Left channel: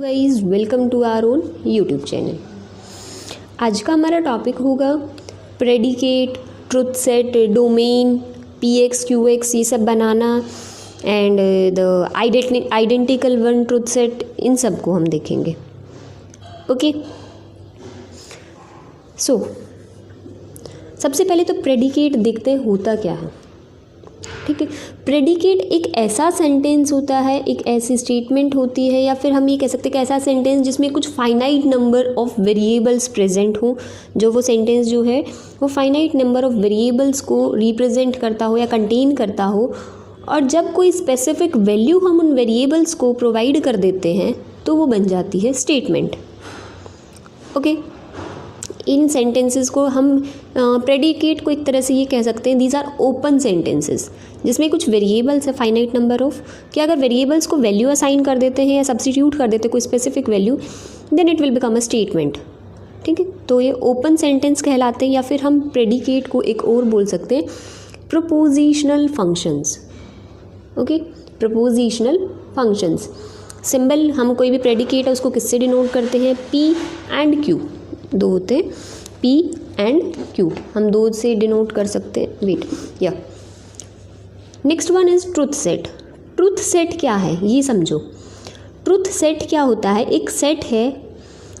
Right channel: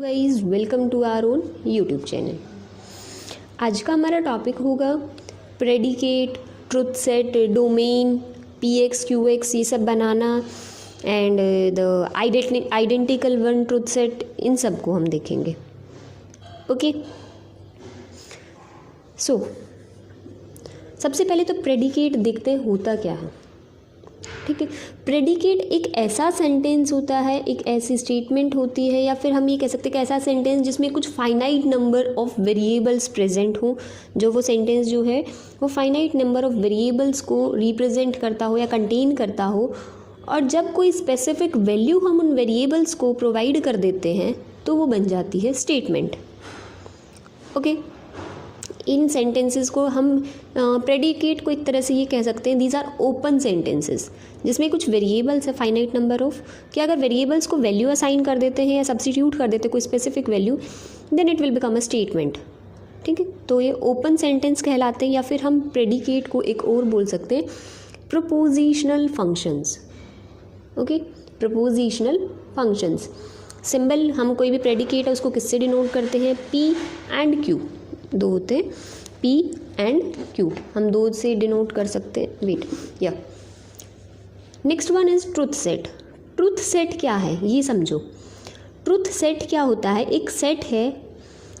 Guys welcome to our own YouTube channel. आज का हमारा टॉपिक होगा predicate, truth set, domain, PX, QX ये सब बनाना and the identical one truth set, इन सब को हम देखेंगे। ओके, सो सबसे पहले तो प्रेडिकेट देखते हैं होता क्या है। ठीक है, प्रेडिकेट एक ऐसा सेंटेंस होता है, एक ऐसी स्टेटमेंट होती है, या फिर हम ये कह सकते हैं कि ऐसा सेंटेंस जिसमें कुछ finite number of variables present हो। जो वो सेंटेंस जो है वो फाइनाइट नंबर ऑफ वेरिएबल्स को रिप्रेजेंट करता हो या कंटेन करता हो, और जब कोई स्पेसिफिक वैल्यू हम उन वेरिएबल्स को प्रोवाइड कर देते हैं तो वो बन जाती है स्टेटमेंट। ओके, इन सेंटेंसेस को हम प्रेडिकेट को एक तरह से ये कह सकते हैं दीज आर ओपन सेंटेंसेस, जिसमें कुछ वेरिएबल्स है फाइनाइट नंबर ऑफ, कि अगर वेरिएबल्स को वैल्यू असाइन कर देते हैं या सब्स्टिट्यूट कर देते हैं कोई specific value, then it will become a statement. ठीक है, तो ये ओपन सेंटेंस कहलाते हैं, या फिर हम प्रेडिकेट को एक और बोल सकते हैं prepositional functions. Okay, prepositional functions. Symbol हम कोई भी प्रेडिकेट है उसको किससे डिनोट करते हैं? पी एंड क्यू, दो होते हैं पी एंड क्यू, हम दो से डिनोट कर सकते हैं। वेट, या next one is truth set. Truth set क्या है ये समझो। ट्रुथ सेट क्या होता है? एक सेट है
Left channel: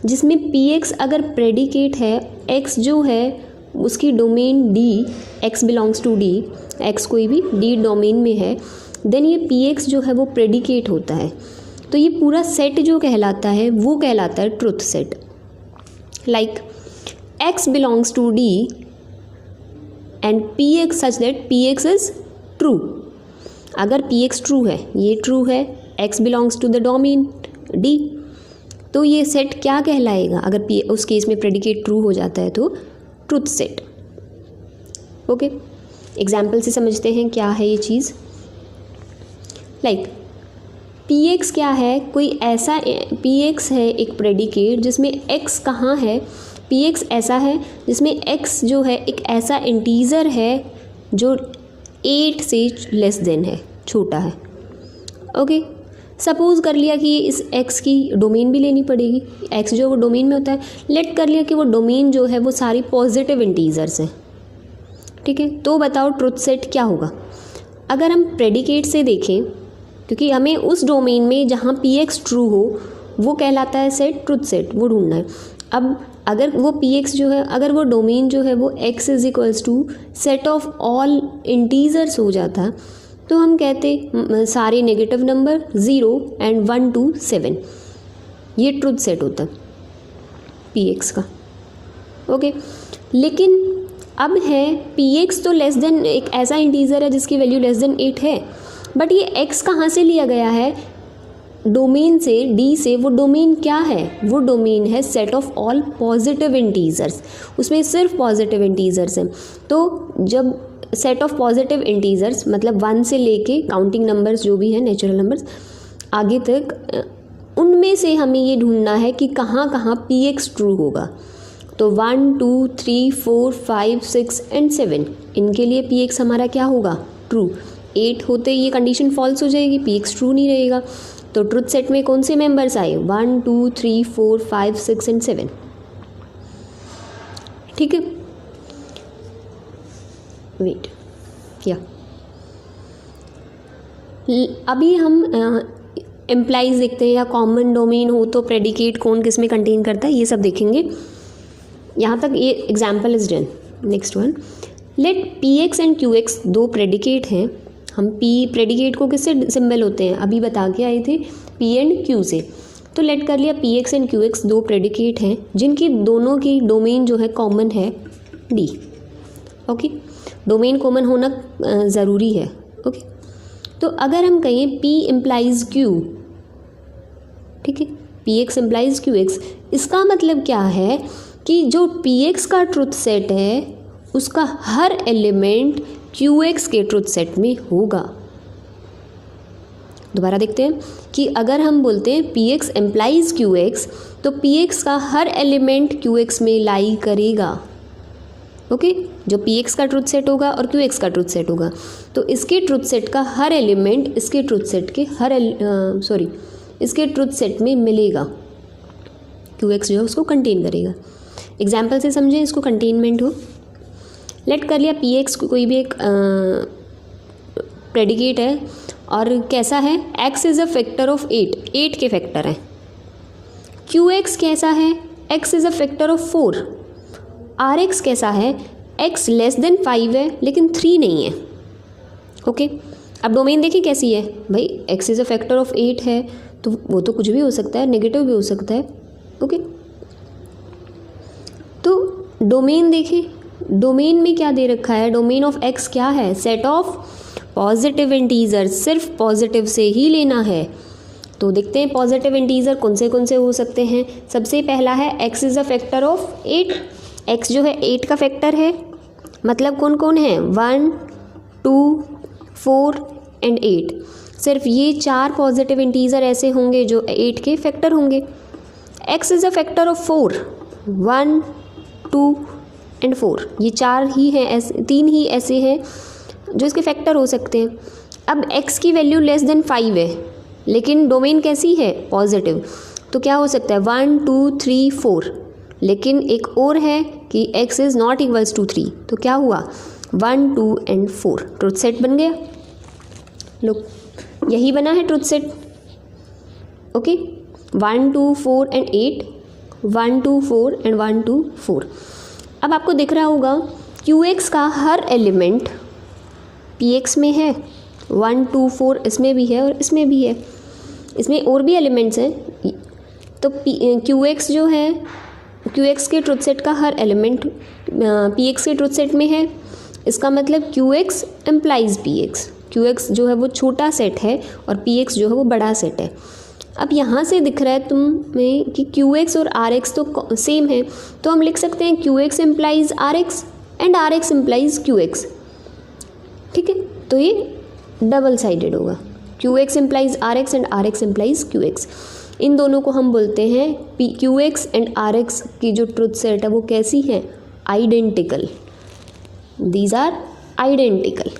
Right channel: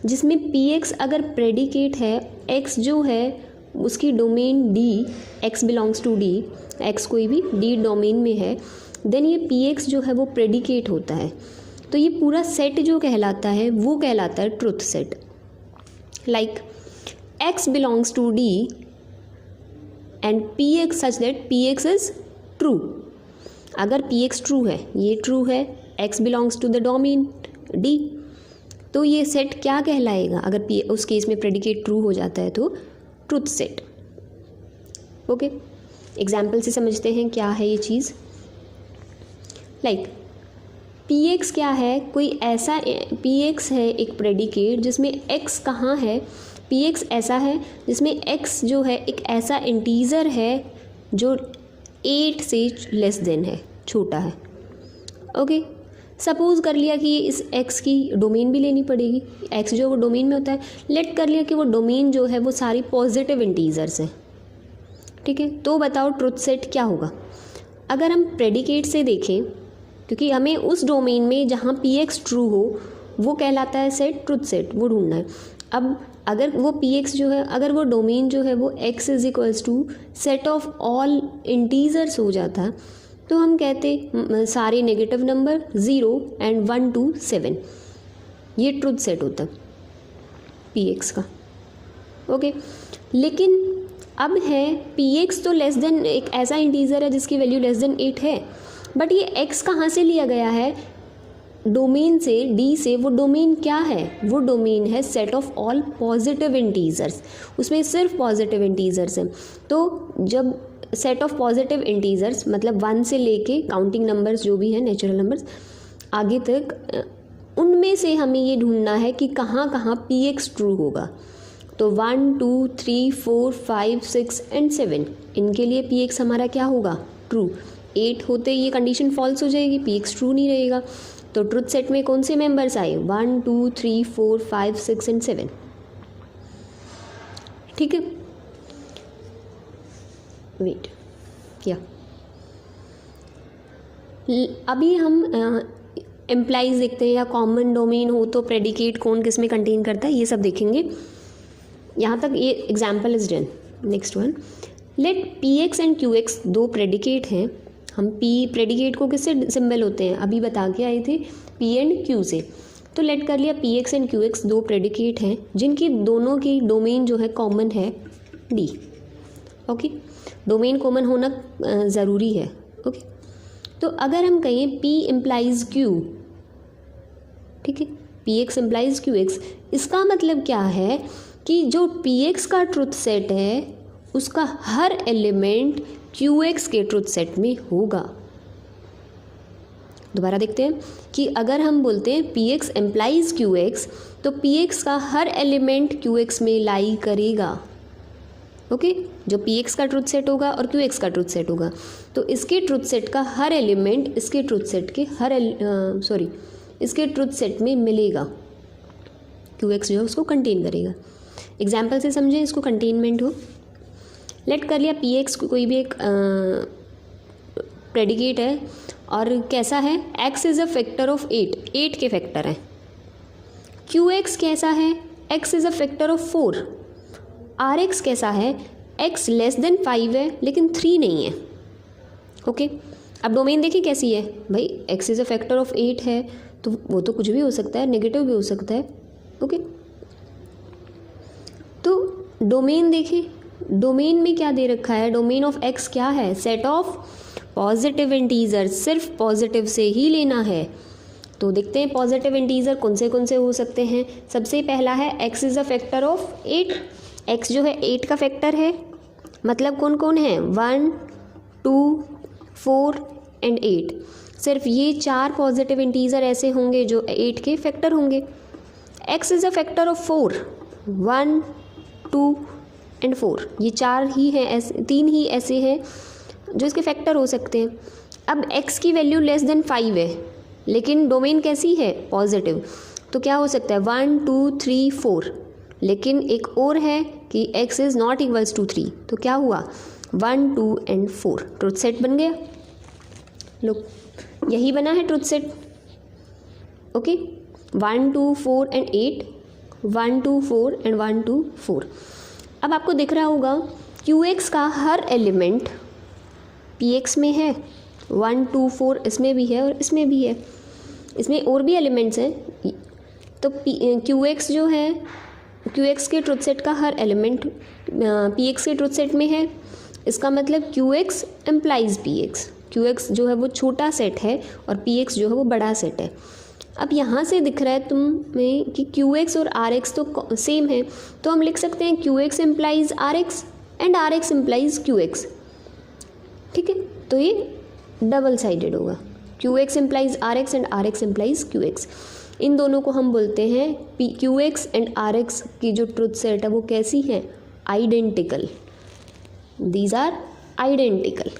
जिसमें पी एक्स अगर प्रेडिकेट है, एक्स जो है उसकी domain D, X belongs to D, X कोई भी डी डोमेन में है, देन ये पी एक्स जो है वो प्रेडिकेट होता है। तो ये पूरा सेट जो कहलाता है वो कहलाता है truth set. Like x belongs to D and px such that px is true। अगर px ट्रू है, ये ट्रू है, x belongs to the domain D, तो ये सेट क्या कहलाएगा? अगर p उस केस में प्रेडिकेट ट्रू हो जाता है तो ट्रुथ सेट। ओके, एग्जाम्पल से समझते हैं क्या है ये चीज़। लाइक px क्या है? कोई ऐसा px है एक प्रेडिकेट जिसमें x कहाँ है? px ऐसा है जिसमें x जो है एक ऐसा इंटीज़र है जो 8 से लेस देन है, छोटा है। ओके, सपोज़ कर लिया कि इस x की डोमेन भी लेनी पड़ेगी। x जो वो डोमेन में होता है, लेट कर लिया कि वो डोमेन जो है वो सारी पॉजिटिव इंटीज़र्स हैं। ठीक है, तो बताओ ट्रुथ सेट क्या होगा? अगर हम प्रेडिकेट से देखें, क्योंकि हमें उस डोमेन में जहाँ px ट्रू हो वो कहलाता है सेट, ट्रुथ सेट वो ढूंढना है। अब अगर वो px जो है, अगर वो डोमेन जो है वो x is equals to set of all integers हो जाता, तो हम कहते सारे नेगेटिव नंबर 0 एंड 1 to 7, ये ट्रुथ सेट होता px का। ओके, लेकिन अब है px तो लेस देन, एक ऐसा इंटीजर है जिसकी वैल्यू लेस देन 8 है, बट ये x कहाँ से लिया गया है? डोमेन से, d से। वो डोमेन क्या है? वो डोमेन है set of all positive integers, उसमें सिर्फ पॉजिटिव इंटीजर्स हैं। तो जब सेट ऑफ पॉजिटिव इंटीजर्स मतलब 1 से लेके काउंटिंग नंबर्स जो भी हैं, नेचुरल नंबर्स आगे तक, उनमें से हमें ये ढूंढना है कि कहाँ कहाँ px ट्रू होगा। तो 1 2 3 4 5 6 एंड 7, इनके लिए px हमारा क्या होगा? ट्रू। 8 होते ये कंडीशन फॉल्स हो जाएगी, px ट्रू नहीं रहेगा। तो ट्रुथ सेट में कौन से मेंबर्स आए? 1 2 3 4 5 6 एंड 7। ठीक है, वेट, या अभी हम एम्प्लाइज देखते हैं, या कॉमन डोमेन हो तो प्रेडिकेट कौन किस में कंटेन करता है, ये सब देखेंगे। यहाँ तक ये example is done. Next one, let px and qx दो प्रेडिकेट हैं। हम p प्रेडिकेट को किससे सिंबल होते हैं अभी बता के आए थे, p एंड q से। तो लेट कर लिया px एंड qx दो प्रेडिकेट हैं जिनकी दोनों की डोमेन जो है कॉमन है d। ओके, डोमेन कॉमन होना ज़रूरी है। ओके, तो अगर हम कहें p इम्प्लाइज q, ठीक है, px इम्प्लाइज qx, इसका मतलब क्या है कि जो px का ट्रुथ सेट है उसका हर एलिमेंट qx के ट्रुथ सेट में होगा। दोबारा देखते हैं कि अगर हम बोलते हैं px एम्प्लाइज qx, तो px का हर एलिमेंट qx में लाई करेगा। ओके, जो px का ट्रुथ सेट होगा और qx का ट्रुथ सेट होगा, तो इसके ट्रुथ सेट का हर एलिमेंट इसके ट्रुथ सेट के हर इसके ट्रुथ सेट में मिलेगा। QX जो है उसको कंटेन करेगा। एग्जाम्पल से समझें इसको, कंटेनमेंट हो। लेट कर लिया PX कोई भी एक प्रेडिकेट है और कैसा है, x is a factor of 8 के फैक्टर है। QX कैसा है, x is a factor of 4। RX कैसा है, x लेस देन 5 है लेकिन 3 नहीं है। ओके अब डोमेन देखिए कैसी है भाई, x is a factor of 8 है तो वो तो कुछ भी हो सकता है, नेगेटिव भी हो सकता है। ओके तो डोमेन देखिए, डोमेन में क्या दे रखा है, डोमेन ऑफ x क्या है, सेट ऑफ पॉजिटिव इंटीजर, सिर्फ पॉजिटिव से ही लेना है। तो देखते हैं पॉजिटिव इंटीजर कौन से हो सकते हैं। सबसे पहला है x is a factor of 8। x जो है 8 का फैक्टर है, मतलब कौन कौन है, 1 2 4 एंड 8। सिर्फ ये 4 पॉजिटिव इंटीजर ऐसे होंगे जो 8 के फैक्टर होंगे। x is a factor of 4, 1 2 and 4, ये 4 ही हैं, ऐसे 3 ही ऐसे हैं जो इसके फैक्टर हो सकते हैं। अब x की वैल्यू लेस देन 5 है लेकिन डोमेन कैसी है, पॉजिटिव, तो क्या हो सकता है 1 2 3 4, लेकिन एक और है कि x is not equals to 3, तो क्या हुआ 1 2 एंड 4, ट्रुथ सेट बन गया। लो यही बना है truth set. Okay 1 2 4 and 8, 1 2 4 and 1 2 4। अब आपको दिख रहा होगा QX का हर एलिमेंट PX में है, 1 2 4 इसमें भी है और इसमें भी है, इसमें और भी एलिमेंट्स हैं। तो QX जो है, QX के ट्रुथ सेट का हर एलिमेंट PX के ट्रुथ सेट में है। इसका मतलब QX एम्प्लाइज PX। QX जो है वो छोटा सेट है और PX जो है वो बड़ा सेट है। अब यहाँ से दिख रहा है तुम्हें कि QX और RX तो सेम है, तो हम लिख सकते हैं QX implies RX and RX implies QX। ठीक है, तो ये डबल साइडेड होगा, QX implies RX and RX implies QX। इन दोनों को हम बोलते हैं QX एंड RX की जो ट्रुथ सेट है वो कैसी है, identical. These are identical.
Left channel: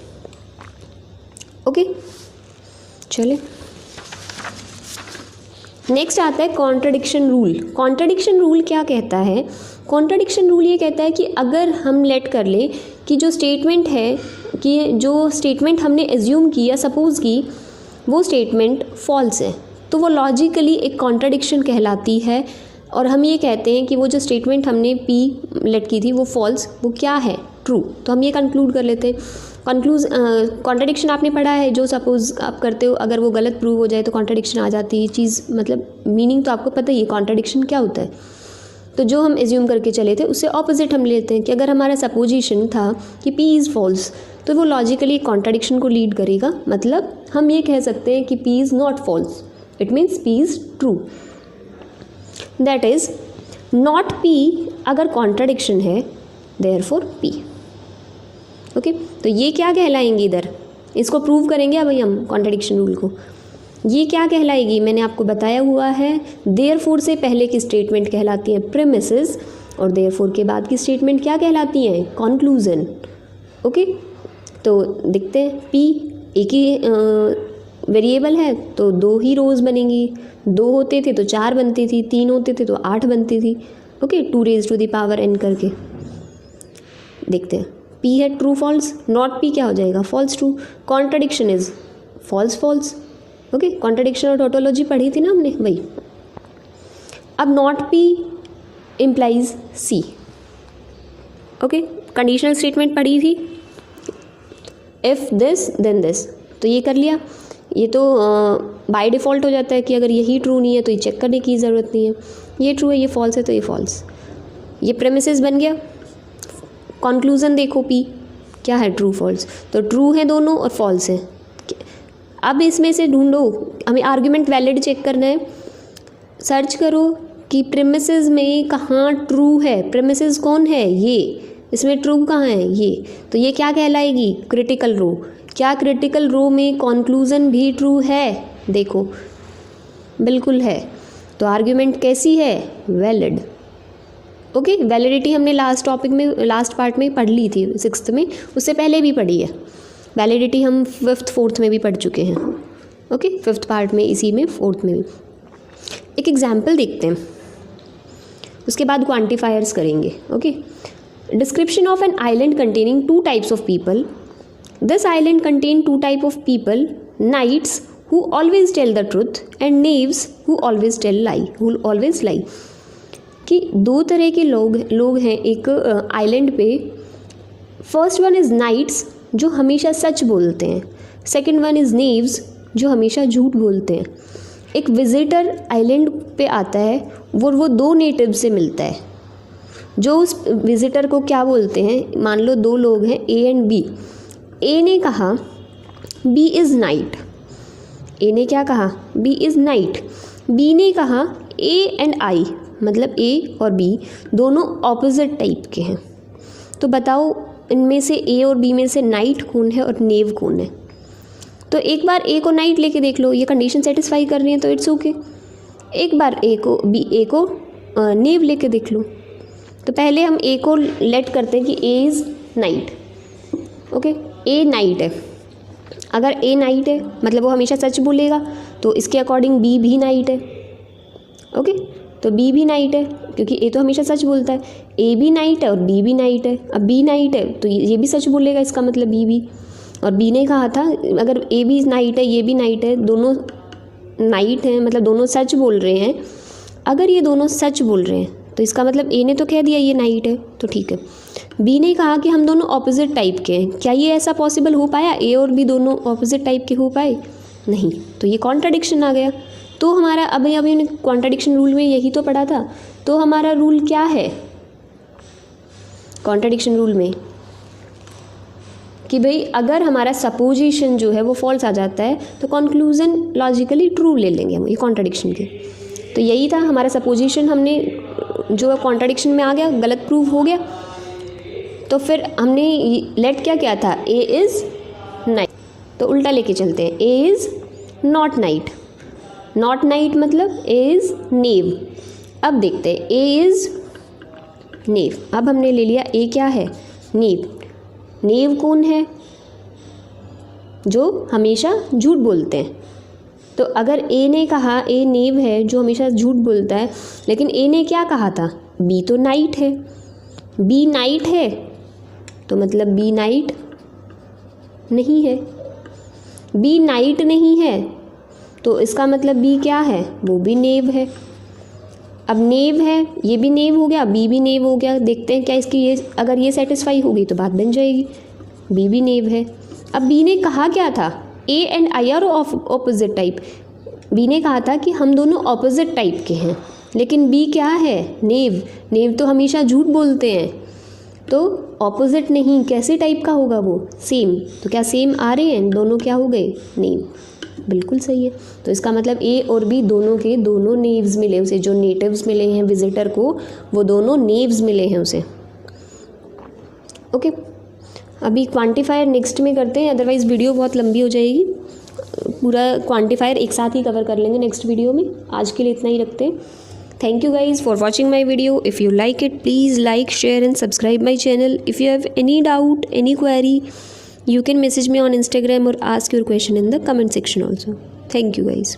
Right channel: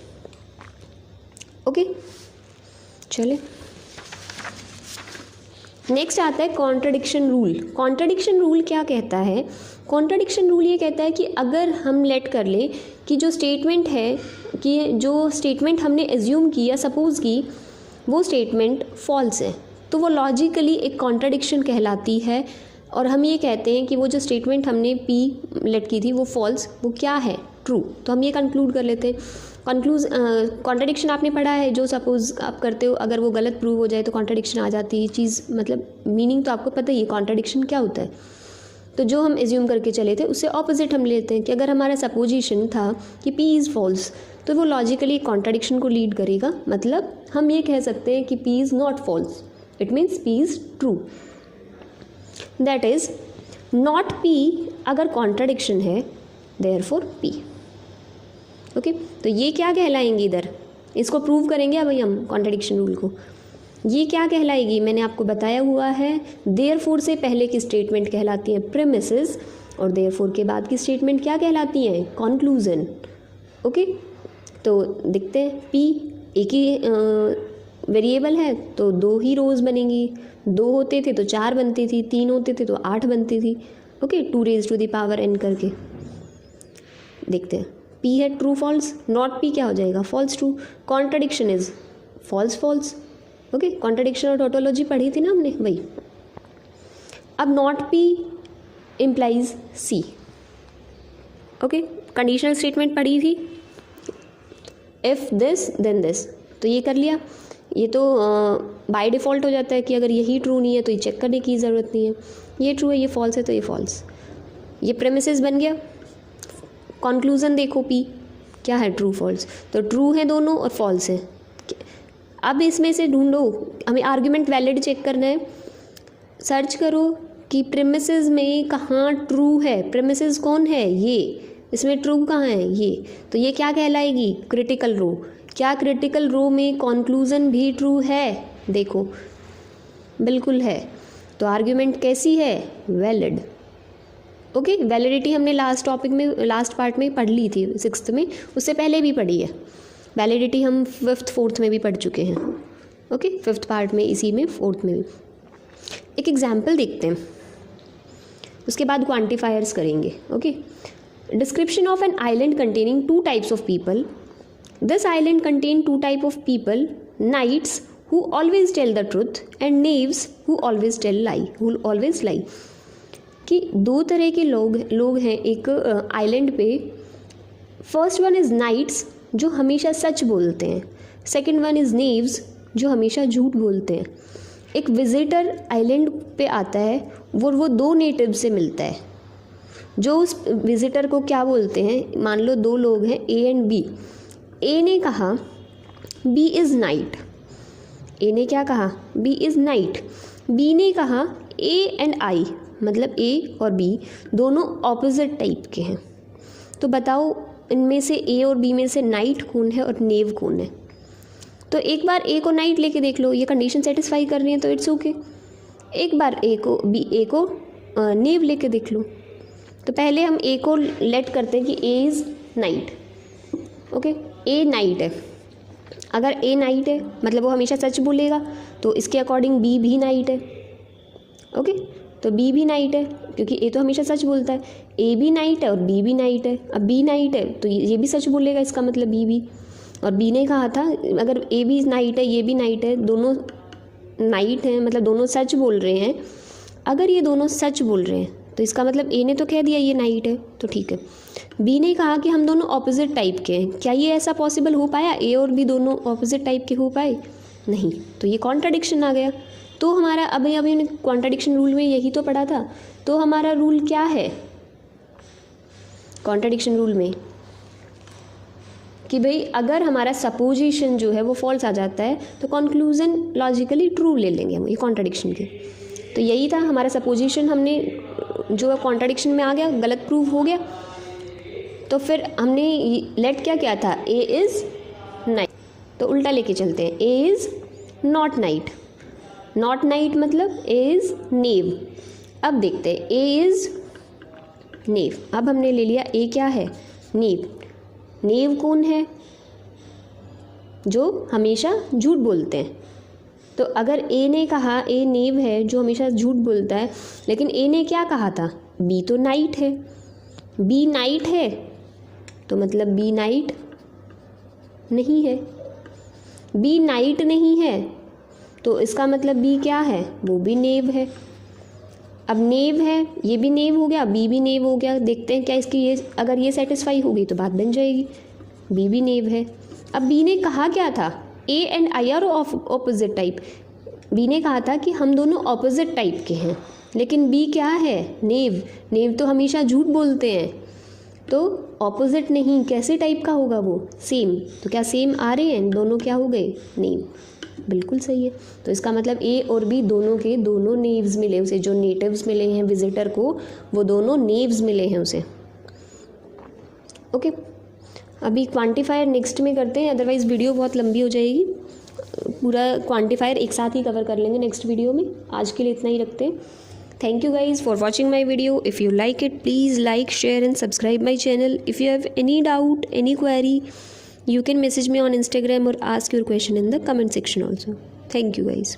Okay चले नेक्स्ट आता है कॉन्ट्रडिक्शन रूल। कॉन्ट्रडिक्शन रूल क्या कहता है, कॉन्ट्रडिक्शन रूल ये कहता है कि अगर हम लेट कर ले कि जो स्टेटमेंट है, कि जो स्टेटमेंट हमने एज्यूम की या सपोज़ की वो स्टेटमेंट फॉल्स है, तो वो लॉजिकली एक कॉन्ट्रडिक्शन कहलाती है। और हम ये कहते हैं कि वो जो स्टेटमेंट हमने P लेट की थी वो फॉल्स, वो क्या है, ट्रू। तो हम ये कंक्लूड कर लेते हैं। कॉन्ट्रडिक्शन आपने पढ़ा है, जो सपोज़ आप करते हो अगर वो गलत प्रूव हो जाए तो कॉन्ट्रडिक्शन आ जाती है चीज़, मतलब मीनिंग तो आपको पता ही है कॉन्ट्रडिक्शन क्या होता है। तो जो हम एज्यूम करके चले थे उससे ऑपोजिट हम लेते हैं कि अगर हमारा सपोजिशन था कि P इज़ फॉल्स तो वो लॉजिकली कॉन्ट्रडिक्शन को लीड करेगा। मतलब हम ये कह सकते हैं कि P is not false, it means P is true. That is not P अगर कॉन्ट्रडिक्शन है, देयरफॉर P। ओके तो ये क्या कहलाएंगे, इधर इसको प्रूव करेंगे अब हम कॉन्ट्रडिक्शन रूल को। ये क्या कहलाएगी, मैंने आपको बताया हुआ है, देयरफॉर से पहले की स्टेटमेंट कहलाती है प्रीमिसेस और देयरफॉर के बाद की स्टेटमेंट क्या कहलाती है, कंक्लूजन। ओके तो देखते हैं P एक ही वेरिएबल है तो 2 ही रोज़ बनेंगी, 2 होते थे तो 4 बनती थी, 3 होते थे तो 8 बनती थी। Okay 2 raised to the power n करके देखते हैं। P है ट्रू फॉल्स, नॉट P क्या हो जाएगा, false true. Contradiction is false false. Okay contradiction और टोटोलॉजी पढ़ी थी ना हमने, वही। अब not P implies C। Okay conditional statement पढ़ी थी, इफ़ दिस देन दिस, तो ये कर लिया। ये तो बाय डिफ़ॉल्ट हो जाता है कि अगर यही ट्रू नहीं है तो ये चेक करने की ज़रूरत नहीं है, ये ट्रू है ये फॉल्स है तो ये फॉल्स। ये प्रेमिसेस बन गया। कंक्लूजन देखो P क्या है, ट्रू फॉल्स, तो ट्रू है दोनों और फॉल्स है। अब इसमें से ढूंढो, हमें आर्ग्यूमेंट वैलिड चेक करना है। सर्च करो कि प्रेमिसेस में कहाँ ट्रू है, प्रेमिसेस कौन है, ये, इसमें ट्रू कहाँ है, ये, तो ये क्या कहलाएगी, क्रिटिकल रो। क्या क्रिटिकल रो में कंक्लूजन भी ट्रू है, देखो बिल्कुल है, तो आर्ग्यूमेंट कैसी है, वैलिड। ओके वैलिडिटी हमने लास्ट टॉपिक में, लास्ट पार्ट में पढ़ ली थी 6th में, उससे पहले भी पढ़ी है। वैलिडिटी हम 5th 4th में भी पढ़ चुके हैं। ओके 5th पार्ट में, इसी में 4th में भी। एक एग्जाम्पल देखते हैं, उसके बाद क्वांटिफायर्स करेंगे. Okay. Description of an island containing 2 types of people. This island contain 2 type of people, knights who always tell the truth and knaves who always lie. कि 2 तरह के लोग हैं एक आइलैंड पे. फर्स्ट वन इज़ नाइट्स जो हमेशा सच बोलते हैं. सेकंड वन इज़ नेव्स जो हमेशा झूठ बोलते हैं. एक विजिटर आइलैंड पे आता है, वो 2 नेटिव से मिलता है. जो उस विजिटर को क्या बोलते हैं, मान लो 2 लोग हैं ए एंड बी. ए ने कहा बी इज़ नाइट. ए ने क्या कहा, बी इज़ नाइट. बी ने कहा ए एंड आई, मतलब ए और बी दोनों ऑपोजिट टाइप के हैं. तो बताओ इनमें से ए और बी में से नाइट कौन है और नेव कौन है. तो एक बार ए को नाइट लेके देख लो, ये कंडीशन सेटिस्फाई कर रही है तो इट्स ओके. एक बार ए को नेव लेके देख लो. तो पहले हम ए को लेट करते हैं कि A is night. Okay, A night है. अगर ए नाइट है मतलब वो हमेशा सच बोलेगा, तो इसके अकॉर्डिंग बी भी नाइट है. ओके, तो बी भी नाइट है क्योंकि ए तो हमेशा सच बोलता है. ए भी नाइट है और बी भी नाइट है. अब बी नाइट है तो ये भी सच बोलेगा, इसका मतलब बी भी. और बी ने कहा था अगर ए भी नाइट है ये भी नाइट है, दोनों नाइट हैं मतलब दोनों सच बोल रहे हैं. अगर ये दोनों सच बोल रहे हैं तो इसका मतलब ए ने तो कह दिया ये नाइट है, तो ठीक है. बी ने कहा कि हम दोनों ऑपोजिट टाइप के हैं. क्या ये ऐसा पॉसिबल हो पाया, ए और बी दोनों ऑपोजिट टाइप के हो पाए? नहीं. तो ये कॉन्ट्राडिक्शन आ गया. तो हमारा अभी हमने कॉन्ट्राडिक्शन रूल में यही तो पढ़ा था. तो हमारा रूल क्या है कॉन्ट्राडिक्शन रूल में, कि भाई अगर हमारा सपोजिशन जो है वो फॉल्स आ जाता है तो कंक्लूजन लॉजिकली ट्रू ले लेंगे हम ये कॉन्ट्राडिक्शन के. तो यही था हमारा सपोजिशन, हमने जो कॉन्ट्राडिक्शन में आ गया गलत प्रूव हो गया. तो फिर हमने लेट क्या किया था, ए इज़ नाइट. तो उल्टा लेके चलते हैं, A is not night. Not night मतलब ए इज़ नेव. अब देखते हैं ए इज़ नेव. अब हमने ले लिया ए क्या है, नेव. नेव कौन है, जो हमेशा झूठ बोलते हैं. तो अगर ए ने कहा ए नेव है जो हमेशा झूठ बोलता है, लेकिन ए ने क्या कहा था, बी तो नाइट है. बी नाइट है तो मतलब बी नाइट नहीं है. बी नाइट नहीं है तो इसका मतलब बी क्या है, वो भी नेव है. अब नेव है, ये भी नेव हो गया, बी भी नेव हो गया. देखते हैं क्या इसकी ये अगर ये सेटिस्फाई हो गई तो बात बन जाएगी, बी भी नेव है. अब बी ने कहा क्या था, A and I are opposite type. B ने कहा था कि हम दोनों ऑपोजिट टाइप के हैं, लेकिन बी क्या है, नेव. नेव तो हमेशा झूठ बोलते हैं, तो ऑपोजिट नहीं, कैसे टाइप का होगा वो, सेम. तो क्या सेम आ रहे हैं, दोनों क्या हो गए, नेव. बिल्कुल सही है. तो इसका मतलब ए और बी दोनों के दोनों नेव्स मिले उसे, जो नेटिव्स मिले हैं विजिटर को वो दोनों नेव्स मिले हैं उसे. ओके, अभी क्वांटिफायर नेक्स्ट में करते हैं, अदरवाइज़ वीडियो बहुत लंबी हो जाएगी. पूरा क्वांटिफायर एक साथ ही कवर कर लेंगे नेक्स्ट वीडियो में. आज के लिए इतना ही रखते हैं. Thank you guys for watching my video. If you like it, please like, share and subscribe my channel. If you have any doubt, any query, you can message me on Instagram or ask your question in the comment section also. Thank you guys.